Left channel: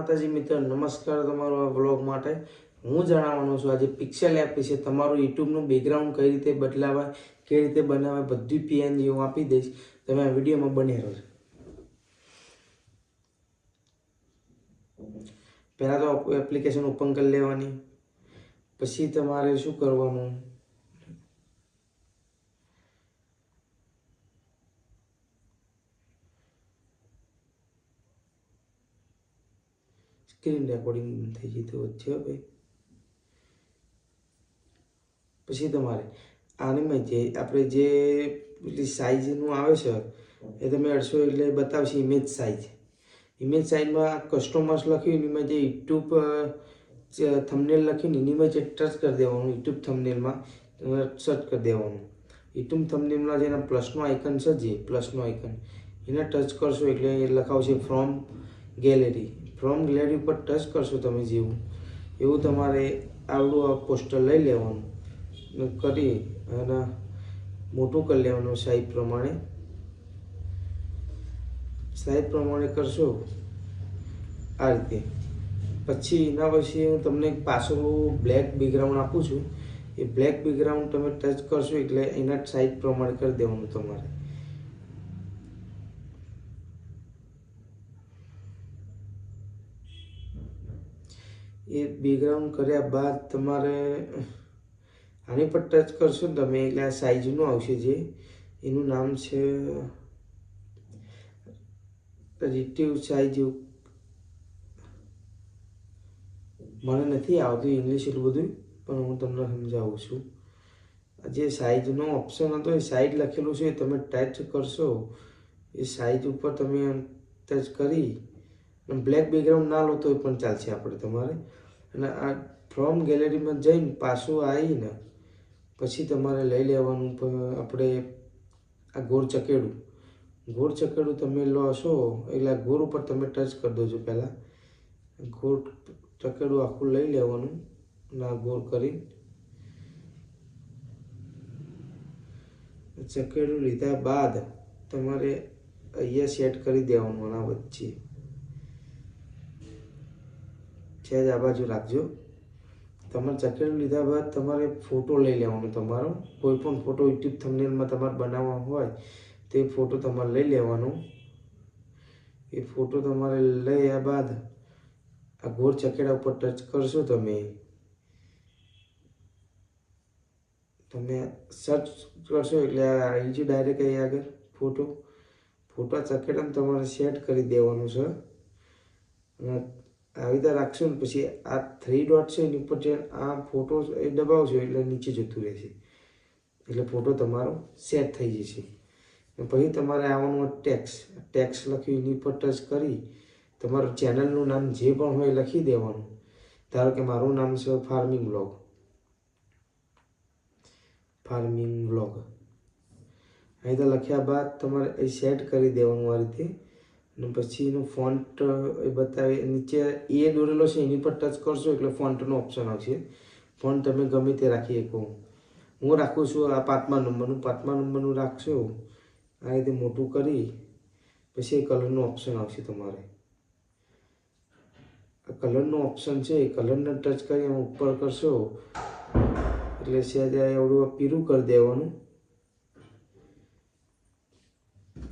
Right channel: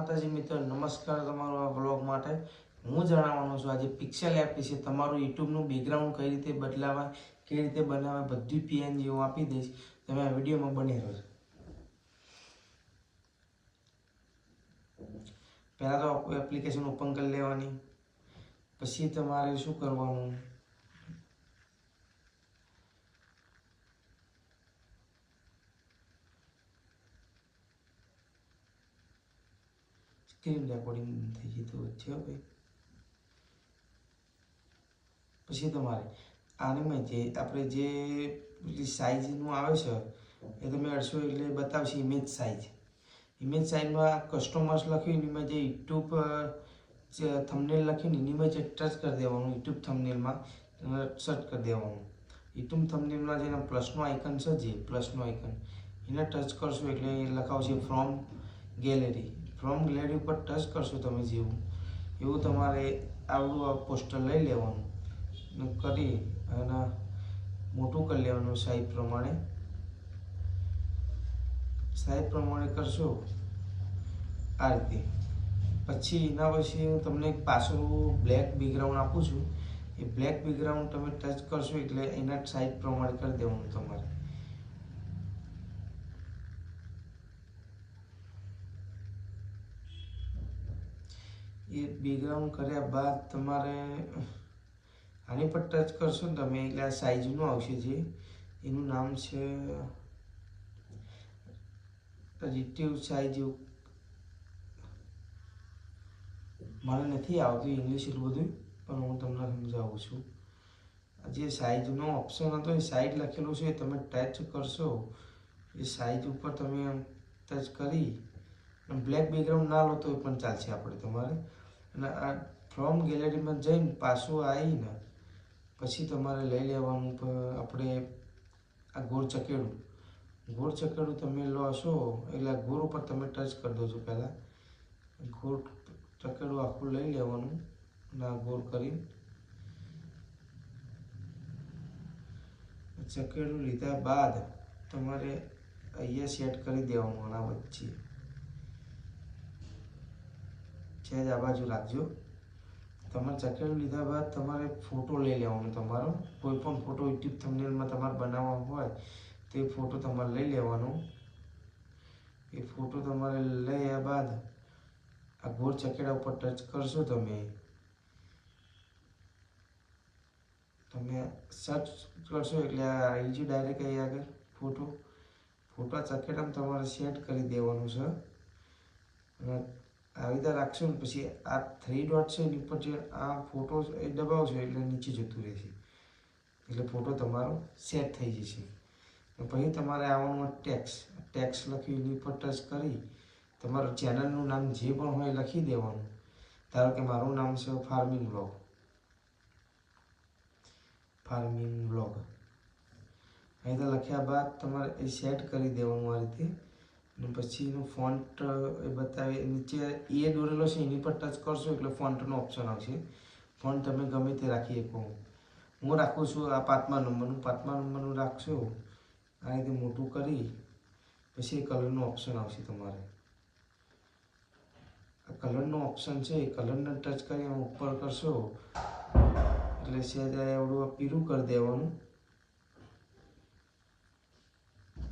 માતાજી મિત્ર, નમસ્કાર તમારો આ વ્લોગ માટે હું જણાવવાનો છું આજે પિક્સેલ એપ વિશે। તમારું યુટ્યુબનું બેકગ્રાઉન્ડ કઈ રીતે બદલાવાય, કઈ રીતે બનાવાય, બધી પીએનજી હું આપી દઈશ। તમે આ વિડીયોમાં બની રહેજો। પહેલાં તો એપ્લિકેશન ઓપન કરી લેવાની, પછી તમારે શું કરવાનું, સ્ક્રીન રેકોર્ડિંગ થઈ ગઈ તો વચ્ચે ભાઈ। પછી તમારે આની જે આપણે જે પેલી સાઇઝનું આવે છે એ તમે અડશો એટલે બતાવશે ઇમેજ સાઇઝ। ઇમેજ સાઇઝમાં કસ્ટમર્સ લખ્યું એમાં જે યુટ્યુબ થંબનેલ લખીને એનીમાં જે ટચ કરી દેવાનું, યુટ્યુબ થંબનેલમાં સર્ચ કરી દેવાનું। યુટ્યુબ થંબનેલમાં જેના પ્લસનો આઇકન છે, જે પ્લસનો આઇકન એને ટચ કરશો એટલે એ લખાવશે ફ્રોમ ગેલેરી। ફ્રોમ ગેલેરી ઉપર ટચ કરશો તમે જેવું એવું તમારે આવડું આ પોસ્ટર લઈ લેવાનું કરી અને મોટું કરી લેવાનું સાઈઝ પ્રમાણે કરશો આ રીતે। પછી એના પછી હું તમને પાછળ બ્લેક બેકગ્રાઉન્ડ આપું છું, એ બ્લેક બેકગ્રાઉન્ડ તમે ટચ કરશો એટલે એના સાઈઝ પ્રમાણે કરી દેવાનું તમારે। એ બેકગ્રાઉન્ડ કર્યા બાદ તમારે આની પર ટચ કરશો ને તમે એટલે આ સાઈઝનું આવશે, જે એનું નામ છે રિલેટિવ સાઈઝ। મને નથી આવતું ઇંગ્લિશ એટલું બધું, પણ હું તમને સમજાવું છું। જે સાઈઝનો ઓપ્શન હતો એ સાઈઝ લખેલું છે, તમે ટચ કરશો એ સાઈઝ ઉપર તમે ટચ કરી બ્લેક બેકગ્રાઉન્ડ ના લો તો પણ ચાલશે આપણે તમારે। અને આ ફ્રોમ ગેલેરીમાં જઈને પાછું આવીને પછી તમારે લઈ લેવાનું આપણે આ ગોળ ચકેડું તમે લોશો એટલે આ ગોળ ઉપર તમે ટચ કરી દેજો। પહેલાં ગોળ ચકેડું આખું લઈ લેવાનું ના ગોળ કરી ચકેડું લીધા બાદ તમારે અહીંયા સેટ કરી દેવાનું આના વચ્ચે છે જ આ બાજુ રાખજો। તમારે ચકેડું લીધા બાદ તમારે ફોટો લઈ લેવાનો, તમારો કોઈ પણ ફોટો યુટ્યુબ થંબનેલમાં તમારે બનાવવા હોય તે ફોટો તમારે લઈ લેવાનો। એ ફોટો તમારે લઈ બાદ આ ગોળ ચકેડા ઉપર ટચ કરશો તમે સર્ચ કરશો એટલે આવી જ ડાયરેક્ટ અહીં આગળ ફોટો ચકેડામાં તમારે સેટ કરી દેવાનું છે। આવી રીતે રાખશો ને પછી આ 3 ડોટ છે એની ઉપર જે આ ફોટો એ દબાવશો એટલે નીચે જતું રહેશે, એટલે ફોટો તમારો સેટ થઈ જશે। પછી તમારે આવવાનું ટેક્સ લખ્યું એની પર ટચ કરી તમારું ચેનલનું નામ જે પણ હોય લખી દેવાનું। ધારો કે મારું નામ છે ફાર્મિંગ વ્લોગ। અહીં તો લખ્યા બાદ તમારે એ સેટ કરી દેવાનું આ રીતે। અને પછી એનું ફોન્ટ એ બતાવે નીચે એ દોરેલો છે એની પર ટચ કરશો એટલે ફોન્ટનો ઓપ્શન આવશે। ફોન્ટ તમે ગમે તે રાખી શકો, હું રાખું છું આ 5મા નંબરનું રાખશો। આ રીતે મોટું કરી પછી કલરનો ઓપ્શન આવશે તમારે। આ કલરનો ઓપ્શન છે એ કલરને ટચ કરી ઉપર કરશો એટલે સહેજ એવડું પીળું કરી દેવાનું।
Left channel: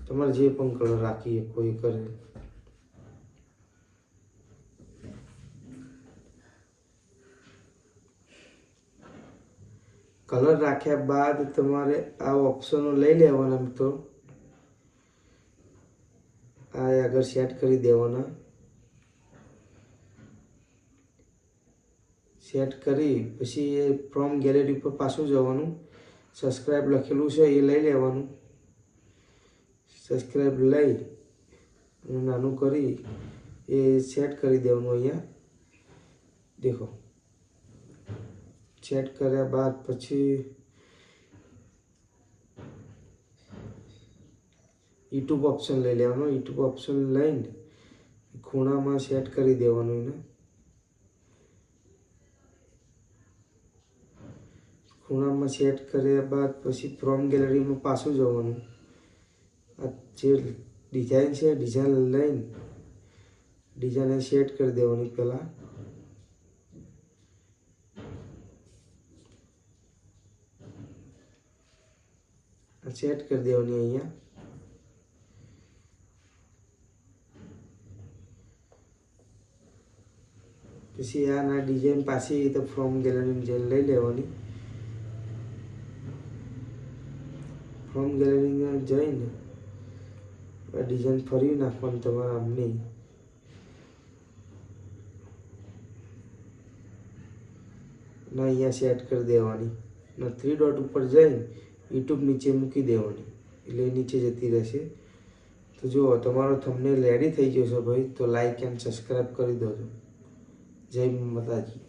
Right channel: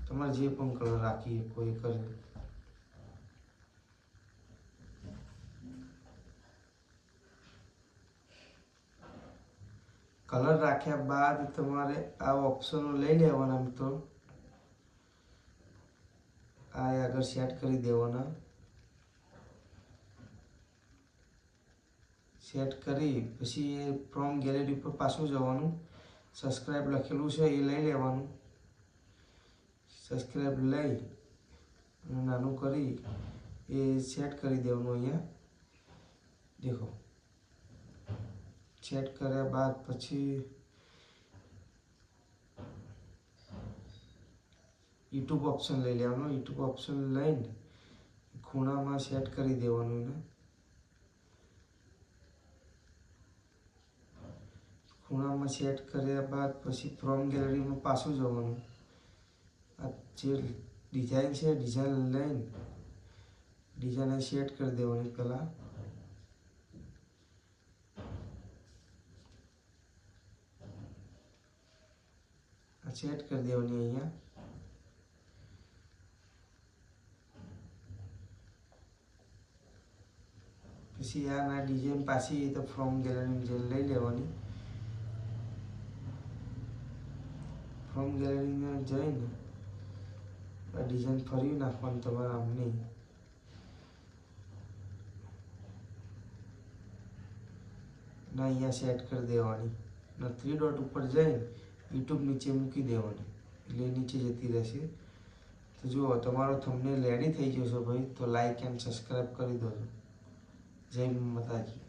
તમારે જે પણ કલર રાખી શકો એ કરે। કલર રાખ્યા બાદ તમારે આ ઓપ્શનો લઈ લેવાના મિત્રો, આ આગળ સેટ કરી દેવાના। સેટ કરી પછી એ ફ્રોમ ગેલેરી ઉપર પાછું જવાનું, સબસ્ક્રાઈબ લખેલું છે એ લઈ લેવાનું। સબસ્ક્રાઈબ લઈ નાનું કરી એ સેટ કરી દેવાનું। અહીંયા દેખો સેટ કર્યા બાદ પછી યુટ્યુબ ઓપ્શન લઈ લેવાનો। યુટ્યુબ ઓપ્શન લઈને ખૂણામાં સેટ કરી દેવાનું એને। ખૂણામાં સેટ કર્યા બાદ પછી ફ્રોમ ગેલેરીમાં પાછું જવાનું। આ જે ડિઝાઇન છે ડિઝાઇન લઈને ડિઝાઇન સેટ કરી દેવાની પહેલાં. સેટ કરી દેવાની અહીંયા. પછી આના ડિઝાઇન પાછી તો ફ્રોમ ગેલેરીની જેલ લઈ લેવાની. ફ્રોમ ગેલેરીમાં જઈને ડિઝાઇન ફરી નાખવાની તમારે આમની. ના અહીંયા સેટ કરી દેવાની. ના 3 ડોટ ઉપર જઈને યુટ્યુબ નીચે મૂકી દેવાની એટલે નીચે જતી રહેશે. તો જુઓ તમારો થંબનેલ રેડી થઈ ગયો છે ભાઈ. તો લાઈક એન્ડ સબસ્ક્રાઈબ કરી દો. જય માતાજી.